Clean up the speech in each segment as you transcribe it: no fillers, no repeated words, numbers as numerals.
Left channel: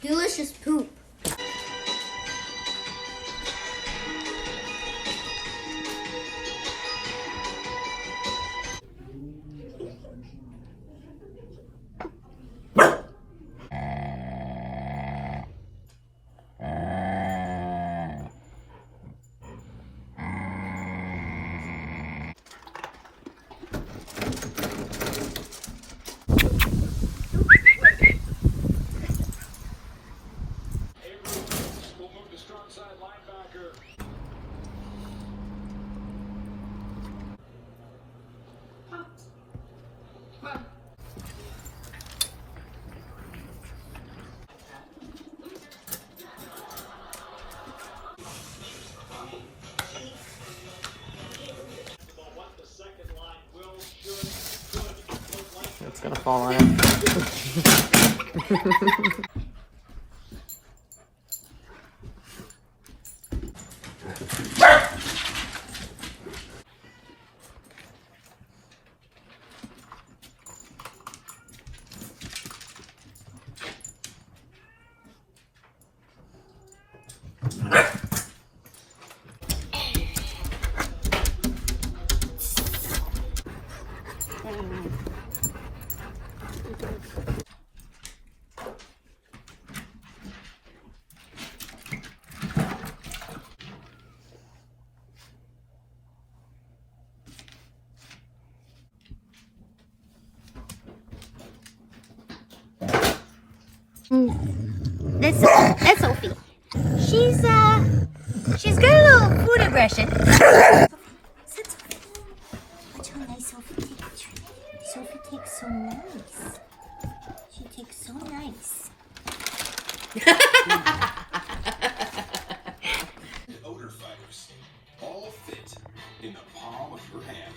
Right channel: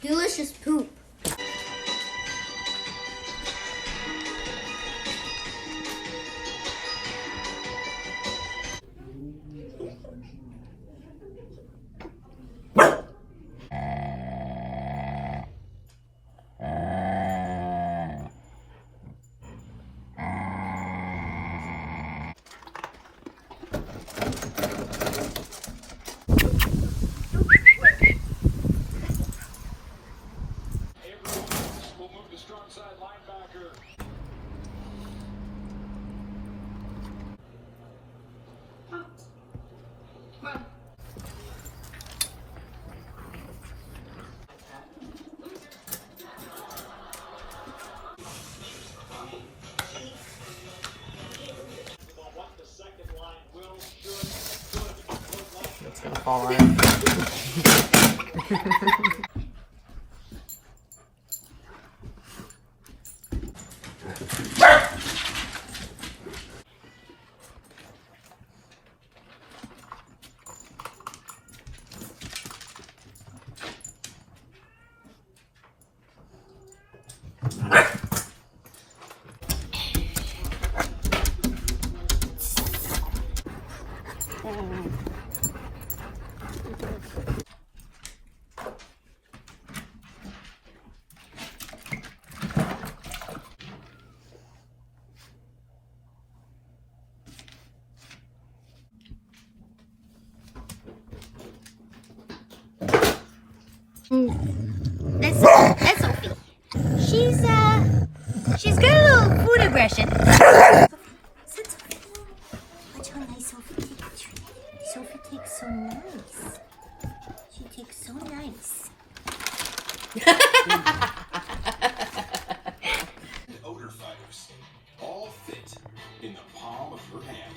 Delicious poop. It's gonna fall off. That's Sophie. She's got a little food aggression. Watch how nice Sophie takes. Sophie takes so nice. She takes so nice. Odor fibers, all fit in the palm of your hand.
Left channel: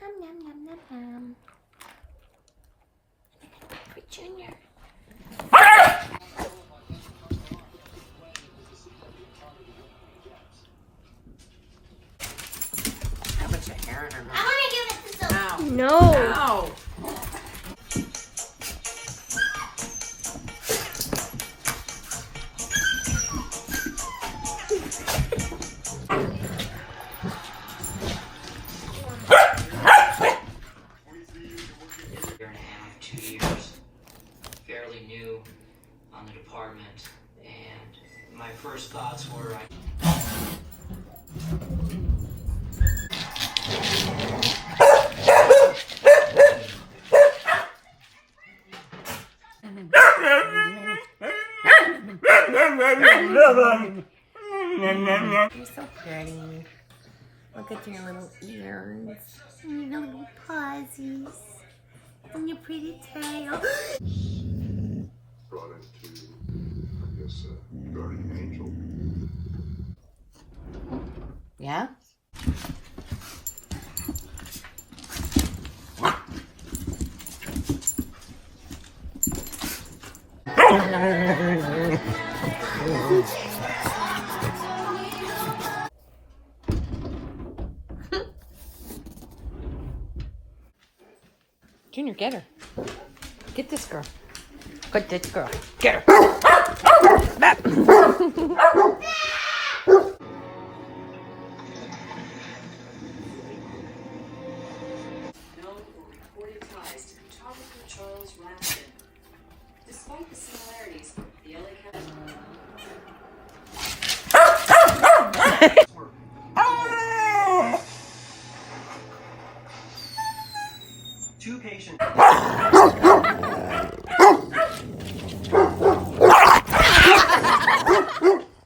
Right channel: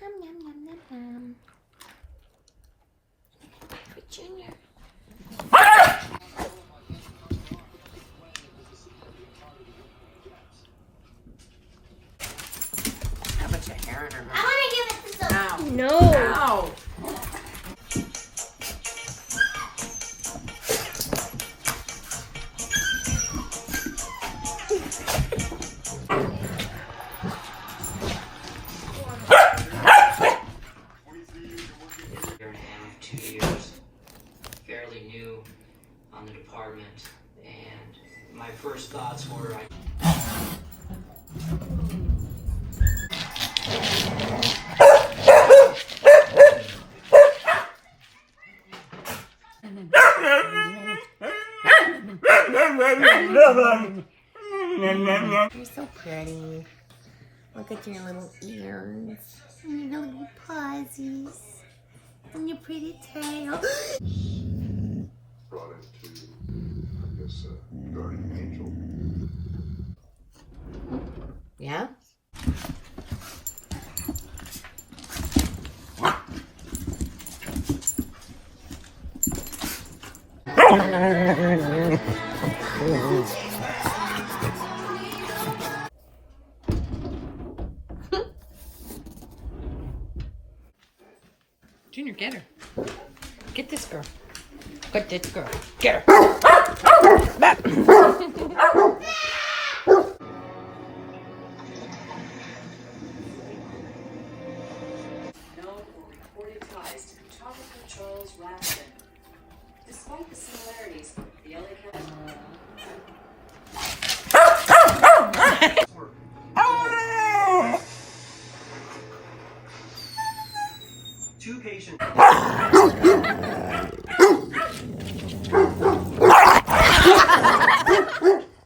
Nom nom nom nom nom. For Junior. How much hair in her I mouth? want to give it to Sophie. Ow. No. Ow. Fairly new on the department, and my first thoughts were You're so pretty. Look at your little ears. And your little pawsies. And your pretty tail. Brought into this guardian angel. Yeah? Junior, get her. Get this girl. Get this girl. Get her. Back. Reported ties to photographer Charles Raskin. Despite the Two patients.